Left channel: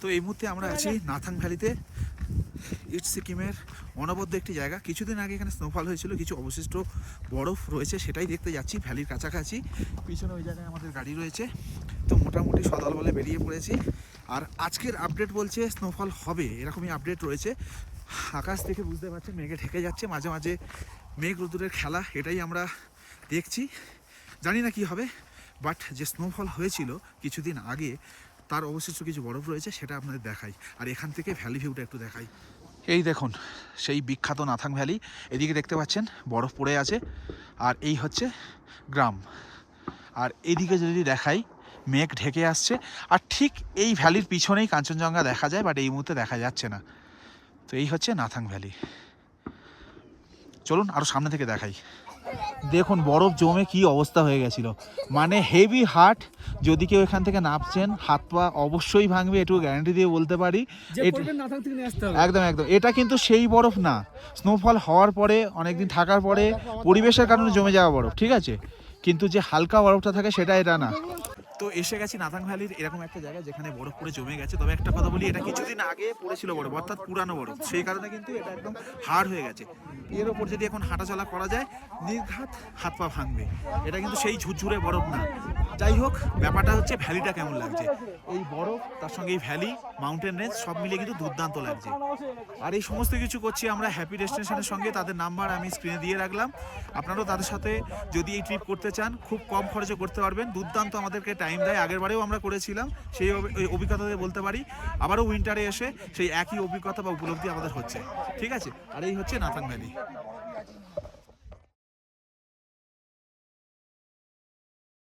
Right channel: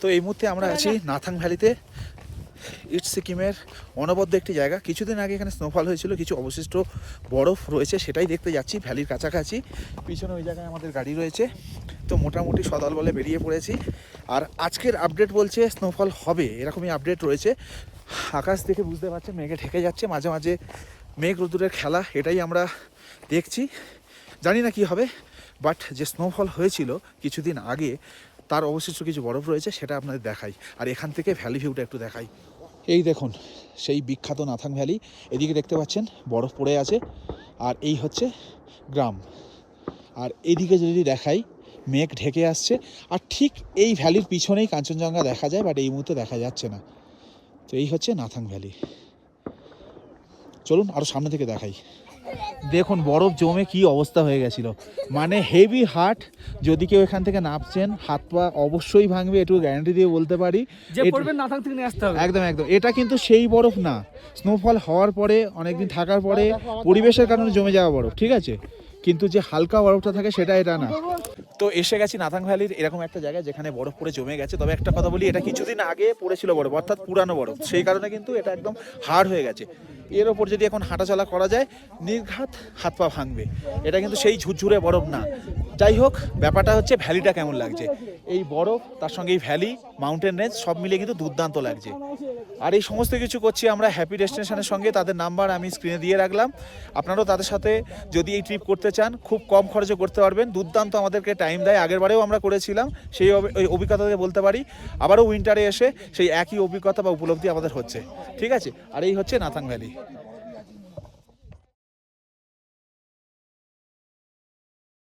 তো এই মুহূর্তে আমরা আছি নাথাং ভ্যালিতে। ইস্ট সিকিমের অনবদ্য একটি জায়গা। কিছুদিন আগে এখানে স্নোফল হয়েছিল, কিছু অবশিষ্ট বরফ রয়েছে, সেটাই দেখতে যাচ্ছি ভ্যালির কাছাকাছি। পিছনে ওই জায়গায় আমাদের গাড়ি রয়েছে। তো মোটামুটি সদল বলে বেরিয়ে পড়েছি। আর আজকের আপডেট বলছে স্নোফল হবে, এরকমই আপডেট রয়েছে। আকাশ দেখে বুঝতে পারছেন মেঘে ঢেকে যাচ্ছে, মাঝে মাঝে মেঘ রোদ্দুরের খেলা, এটাই আমরা দেখছি। জানি না কি হবে, বাট যে স্নোফল হয়েছিল কিছুদিন আগে তার অবশিষ্ট কিছু বরফ রয়েছে, সেটা আপনাদের দেখাই। আর এখান থেকে ভ্যালি ভিউটা একটু দেখাই। এই দেখুন সেই বিখ্যাত নাথাং ভ্যালি, এদিকে দেখতে পাচ্ছেন বরফ পড়ে আছে, আর এই হচ্ছে গ্রাম। আর এদিকে যদি দেখাই মেঘ ঢেকে আসছে, আর ঠিক এই ভ্যালির পিছনেই কাঞ্চনজঙ্ঘা দেখা যায়, বাট এই মুহূর্তে দেখা যাচ্ছে না। তো এই হচ্ছে নাথাং ভ্যালি। চলুন আরও সামনে থেকে দেখাই। দেখুন বরফ জমে কি অবস্থা হয়ে গেছিল, মানে হেভি হার্ট। যদি কেউ এখান থেকে নামছেন হাত পা অবশ্যই ভাঙবে, এটুকু গ্যারান্টি দিয়ে বলতে পারি। একদম একদম, এটা কিন্তু সেই বরফ না, স্নোফল হওয়ার পরে অনেকদিন থাকার পরে পরিবেশের কারণে জমে যাওয়া বরফ, ঠিক আছে? কিন্তু যে হালকা বরফটা থাকে সেটা এটা না। তো এসে গেছি নাথাং ভ্যালির এরকম একটা জায়গায় যেখানে বরফ পড়ে জমে গেছে। তবে একটা কথা বলি, এটা কিছুদিন আগে পড়েছিল বরফ, অর্থাৎ পুরানো বরফ, সেই কারণে কিন্তু এটা একদম হার্ড হয়ে গেছে। এর ওপর যদি এখন হাঁটাচলা করা যায় নির্ঘাত হাত পা ভাঙবে। এটা কিন্তু সেই ঝুরঝুরে বরফ না। যাই হোক, ব্যাপারটা হচ্ছে ভ্যালিটা কেমন লাগছে। এই বরফ তার সঙ্গে এই ভ্যালি, মাউন্টেন রেঞ্জ সব মিলিয়ে কিন্তু দুর্দান্ত লাগছে। আর এই সমস্ত কিছু করছি আমরা হ্যাপি ডেস্টিনেশনের সঙ্গে। তাদের নাম্বার আমি স্ক্রিনে দিয়ে রাখলাম, আপনারাও তাদের সাথে যদি এই ট্রিপ করতে চান খুব কম খরচে করতে পারবেন। দুর্দান্ত আমাদেরকে টাইম দেয়, আগেরবারেও আমরা করেছিলাম, সেই অভিজ্ঞতা দিয়ে বলতে পারি আবারও উইন্টারে এসে সেই একই অভিজ্ঞতা বা উপলব্ধি আমাদের হচ্ছে। ঠিক আছে, আর এই হচ্ছে নাথাং ভ্যালি।